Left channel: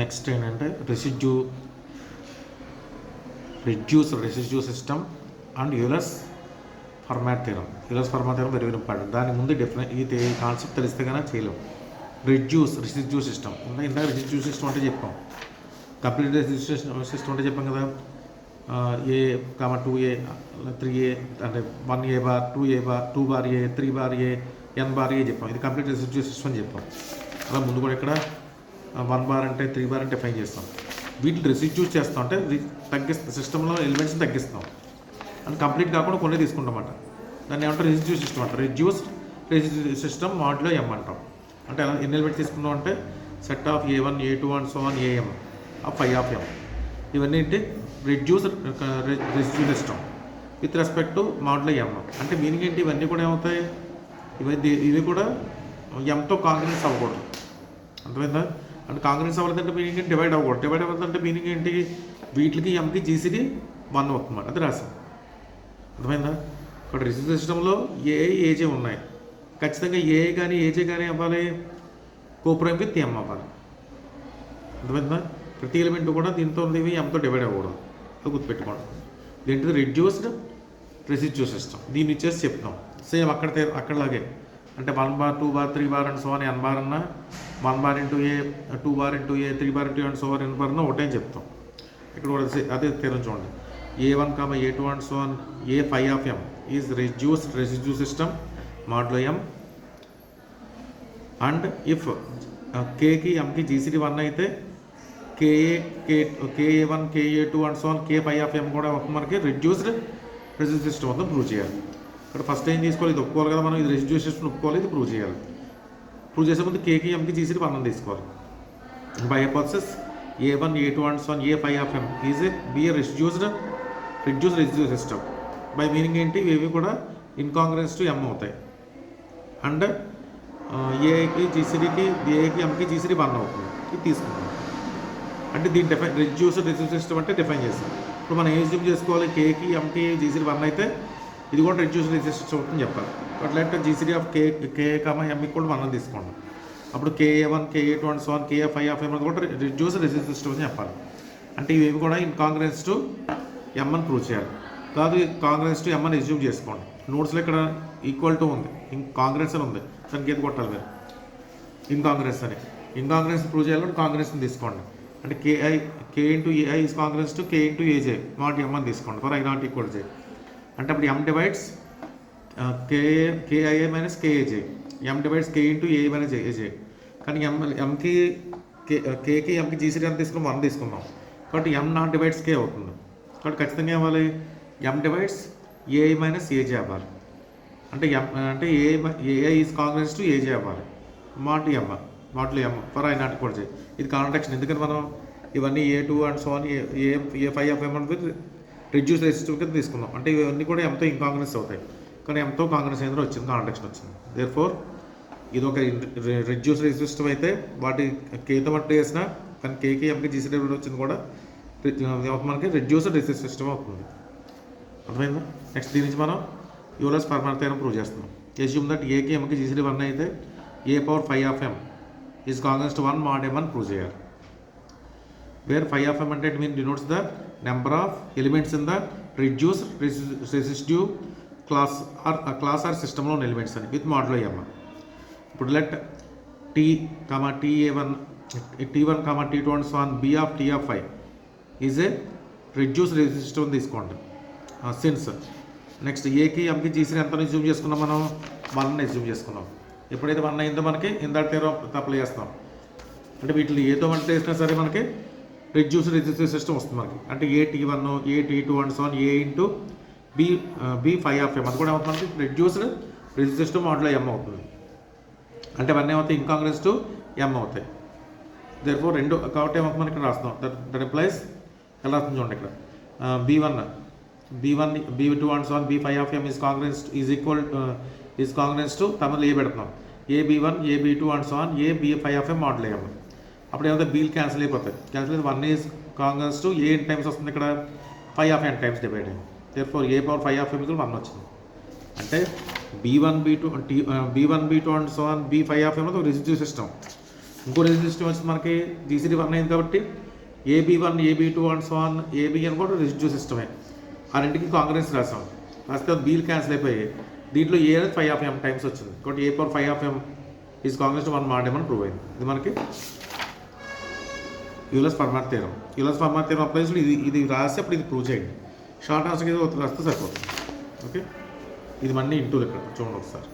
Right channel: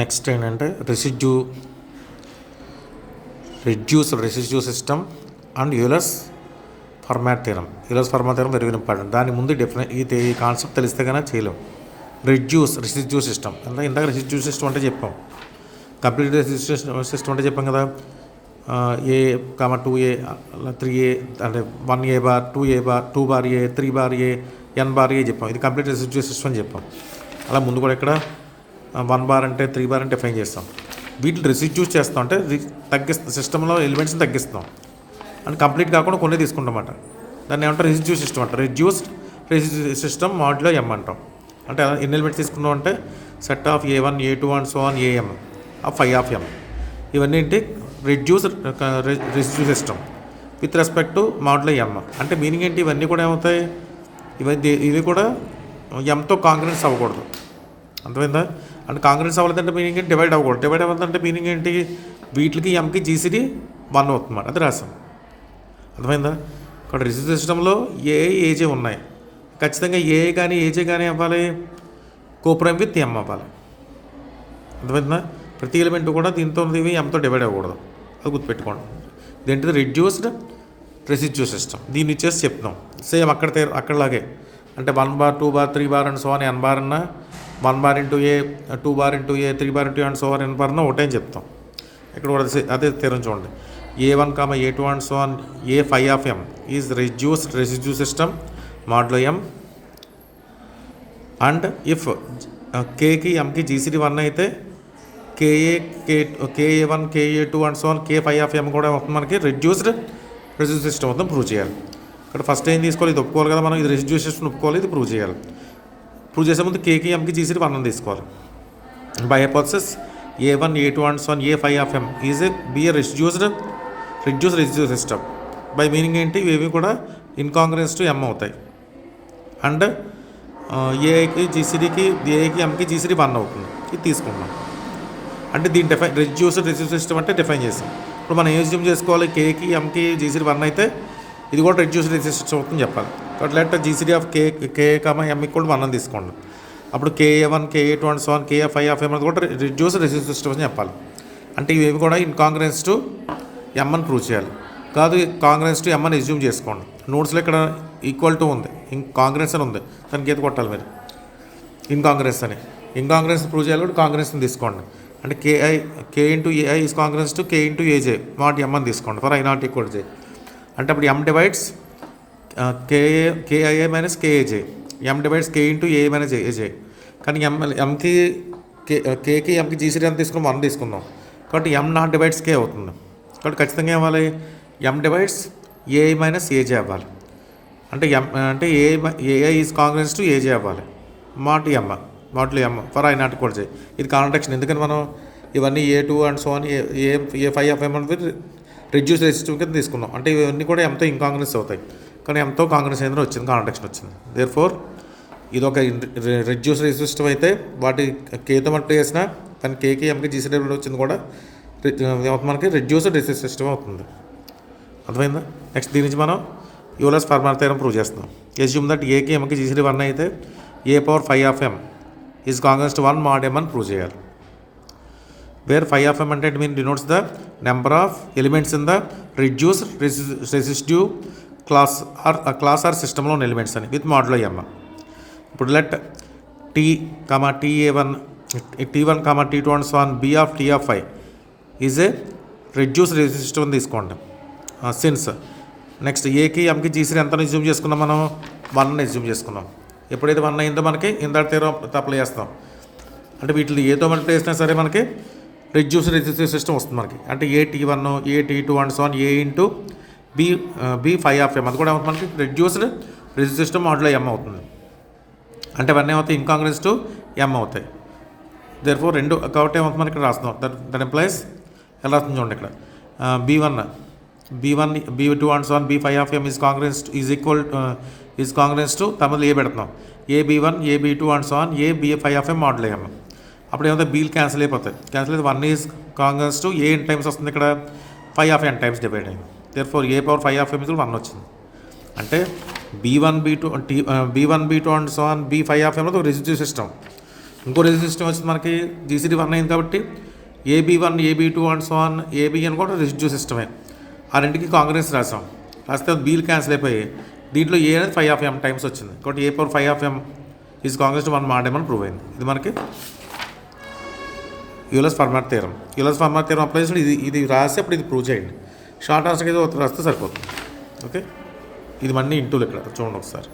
Next ఏంటంటే residue system and Euler's Fermat theorem. Euler's Fermat theorem very important. దాని ముందు ఈ కాన్సెప్ట్ తెలిస్తే కానీ చేయలేం. రెసిడ్యూ సిస్టమ్ అంటే ఇందాక రెసిడ్యూ సిస్టమ్ అంటే చెప్పాం. కంప్లీట్ రెసిడ్యూ సిస్టమ్ అంటే చెప్పాం కదా. ఏ కామ 2a 3a అంటే 1a bar 2a bar 2 bar a 3 bar a n bar a చెప్పాం. ఇది కంప్లీట్ రెసిడ్యూ సిస్టమ్ అని చెప్పాం. అలా ముందు కూడా ఇక్కడ 1 బార్ అంటే 3 బార్ అంటే డిఫైన్ చేస్తాం. వీటిని రెసిడ్యూస్ చేస్తాం అంటే తగ్గిస్తాం, సిస్టంలో ఎలిమెంట్స్ని తగ్గిస్తాం అంటే కంప్లీట్ కాకుండా కొన్ని తీసుకుంటాం అన్నమాట. దాన్ని ఏమంటారు రెసిడ్యూ సిస్టమ్ అంటారు. రెసిడ్యూ సిస్టమ్ మాడ్యులో m అంటాం. అంటే ఎన్ని ఎలిమెంట్స్ తీసుకున్నాం అంటే set of a1 a2 and so on am of phi of m. ఇవన్నీ ఏంటి residue system with respect to modulo m. అంటే మీనింగ్ ఏంటి, ఇవన్నీ కూడా ఏమవుతాయి, ఇవి కూడా ఎంతో కాంగ్రెన్స్ అవ్వకూడదు. అర్థమైందా? అంటే కాంగ్రెన్స్ అవ్వలేదంటే మీనింగ్ ఏంటి, డివైడ్ అవ్వకూడదు. డివైడ్ అవ్వదంటే మీనింగ్ ఏంటి, వీటికి ఎంకి జీసీడీ 1 అవుతుంది. అది రాసాం. అర్థమైందా? ఇక్కడ రెసిడ్యూ సిస్టంలో ఏజే ఉన్నాయి. ఖచ్చితంగా ఏ కానీ ఏజే కానీ అవ్వాలి, కోప్రైమ్ విత్ ఎం అవ్వాలి. అర్థమైందా? ప్రతి ఎలిమెంట్ కూడా దీంతో ఇవి ఎంతో డివైడ్ అవ్వకూడదు. అది గుర్తుపెట్టుకోండి. ఇదేంటిది రెడ్యూస్డ్ రెసిడ్యూ సిస్టమ్. దీన్ని ఇచ్చేసి చెప్తాం. సేమ్ అక్కడలాగే అంటే 1 bar 2 bar 3 bar and so on n bar అన్న 1 bar into A 2 bar into A 3 bar into and so on n bar అన్న ఒకటే అని చెప్తాం. ఇక్కడ కూడా అదే తీరం చూడండి. a1, a2 and so on a phi of m is residue system modulo m. And if కేకి ఎంకి జీసీడీ 1 అయితే KA1 KA2 and so on k phi of m కూడా మనకి రెడ్యూస్డ్ రెసిడ్యూ సిస్టమ్ మొత్తం ప్రూవ్ చేయాలి. ఇక్కడ ఫస్ట్ ఏం తీసుకోవాలి, ఇది ఒప్పుకోవాలి కదా మనం, ఇది రెసిడ్యూ సిస్టమ్ ఒప్పుకోవాలి, ఇది ప్రూవ్ చేయాలి. ప్రూవ్ చేసే ముందు కేకి ఎంకి జీసీడీ 1 తీసుకోవాలి. By hypothesis a1 a2 and so on a phi of m is be reduced residue system. By meaning ఏంటి, ఇవి కూడా ఇన్కాంగ్రెన్స్ టు m అవుతాయి. అండ్ ఏకి జీసీడీకి ఏకి ఎంకి జీసీడీ 1 అవుతుంది. ఇది తీసుకుంటాం. అంటే దీన్ని రెసిడ్యూ సిస్టమ్ అంటే డిఫైన్ చేస్తాం. ఇప్పుడు మనం ఏం అస్యూమ్ చేసుకోవాలి, కేకి ఎంకి జీసీడీ 1 అయితే ఇది కూడా రెడ్యూస్డ్ రెసిడ్యూ సిస్టమ్ అవుతుంది చెప్పాలి. కాబట్టి let GCD of k m కూడా 1 తీసుకోండి. అప్పుడు KA1 KA2 and so on k phi of m కూడా రెడ్యూస్డ్ రెసిడ్యూ సిస్టమ్ అని చెప్పాలి. అంటే ఇవి కూడా ఇన్కాంగ్రెన్స్ టు m అని ప్రూవ్ చేయాలి. కాదు కాంగ్రెన్స్ టు m అని అస్యూమ్ చేసుకోండి. నోట్స్లో ఇక్కడ ఈక్వల్ టు ఉంది, కాంగ్రెన్స్ అని ఉంది, దానికి ఏది కొట్టాలి మీరు, ఇన్కాంగ్రెన్స్ ప్రూవ్ చేయాలి. కూడా కాంగ్రెన్స్ని తీసుకోండి. అంటే k into a i is congruence to k into a j not m అని తీసుకోండి for i not equal j. అంటే అప్పుడు m divides k i a minus k a j, m divides k into a minus a j. కానీ ఎంకి కేకి ఎంకి జీసీడీ ఎంత తీసుకున్నాం 1 తీసుకున్నాం. కాబట్టి m నాట్ డివైడ్స్ కే అవుతుంది. కాబట్టి ఖచ్చితంగా ఏమవ్వాలి, m divides a minus a j అవ్వాలి. అంటే a i is congruence to a j అవ్వాలి. Modulo m for i not equal j. ఇది కాంట్రాక్షన్. ఎందుకని మనం ఇవన్నీ A2 and so on a phi of m అనేది రెడ్యూస్ రెసిస్టివ్ కింద తీసుకున్నాం. అంటే ఇవన్నీ కూడా ఎంతో ఇన్కాంగ్రెన్స్ అవుతాయి. కానీ ఎంతో కాంగ్రెన్స్ ఏదైనా వచ్చింది, కాంట్రాక్షన్ వచ్చింది. దేర్ ఫోర్ ఇది ఒక రెడ్యూస్ రెసిస్టివ్ అయితే వాటి కేతో మట్టి వేసినా కానీ కేకి ఎంకి జీసీడీ వచ్చింది కూడా మనకి రెడ్యూస్డ్ రెసిస్టివ్ సిస్టమ్ అవుతుంది. అర్థమైందా? నెక్స్ట్ దీని నుంచి మనం యూలర్స్ ఫర్మాట్ థియరం ప్రూవ్ చేస్తున్నాం. అస్యూమ్ దట్ ఏకి ఎంకి జీసీడీ 1 అయితే a power phi of m is congruence to 1 mod m అని ప్రూవ్ చేయాలి. వేర్ ఫై ఆఫ్ m అంటే it mean denotes the number of elements in the reduce residue class or సిస్టంలో ఉన్న elements అని with modulo m. ఇప్పుడు let T1 T2 and so on B of T of phi is a reduce resistive అని తీసుకోండి. Since next ఏకి ఎంకి GCD ఎంత assume చేసుకున్నాం మనం, 1 అజ్యూమ్ చేసుకున్నాం. ఎప్పుడైతే 1 అయిందో మనకి ఇందాక తీరం అప్లై చేస్తాం. అంటే వీటిని ఏదో మల్టీ వేసినా సరే మనకి రెడ్యూస్డ్ రెసిస్టివ్ సిస్టమ్ వస్తుంది మనకి. అంటే T1 T2 and so on a into b phi of m అది కూడా మనకి reduced resistive system modulo m అవుతుంది. అంటే అవన్నీ ఏమవుతాయి, ఇన్కాంగ్రెన్స్ టు m అవుతాయి. దేర్ ఫోర్ రెండు కాబట్టి ఏమవుతుంది మనకి ఇక్కడ రాస్తున్నాం. దట్ ఎంప్లాయిస్ ఎలా రాస్తుంది చూడండి. ఇక్కడ B1 B2 and so on b phi of m is congruence to తమిళ ఏ పెడుతున్నాం. AB1 AB2 and so on B phi of m modulo m. అప్పుడు ఏమైతే బీలు క్యాన్సిల్ అయిపోతాయి. క్యాన్సిల్ అయితే 1 is congruence to a times వస్తుంది. ఇక్కడ phi of n times divide అయింది. Therefore a power phi of m 1 వచ్చింది. అంటే B1 B2 and so on B phi of m residue system. ఇంకో రెసిడ్యూ సిస్టమ్ వచ్చింది మనకి GCD 1 అయింది కాబట్టి AB1 AB2 and so on ABN కూడా residue సిస్టమే. ఆ రెండుకి కాంగ్రెస్ రాసాం, రాస్తే బీలు క్యాన్సిల్ అయిపోయి దీంట్లో ఏ అనేది 5/m టైమ్స్ వచ్చింది కాబట్టి A⁴ is Congress to 1 mod m అని ప్రూవ్ అయింది. ఇది మనకి Euler's Fermat theorem. Euler's Fermat theorem apply చేసి ఇది రాసి అప్పుడు ఇది ప్రూవ్ చేయండి. షార్ట్ ఆన్సర్కి అయితే రాస్తే సరిపోతుంది. ఓకే, ఇది మళ్ళీ ఇంటూలు ఇక్కడ చూడండి ఒకసారి.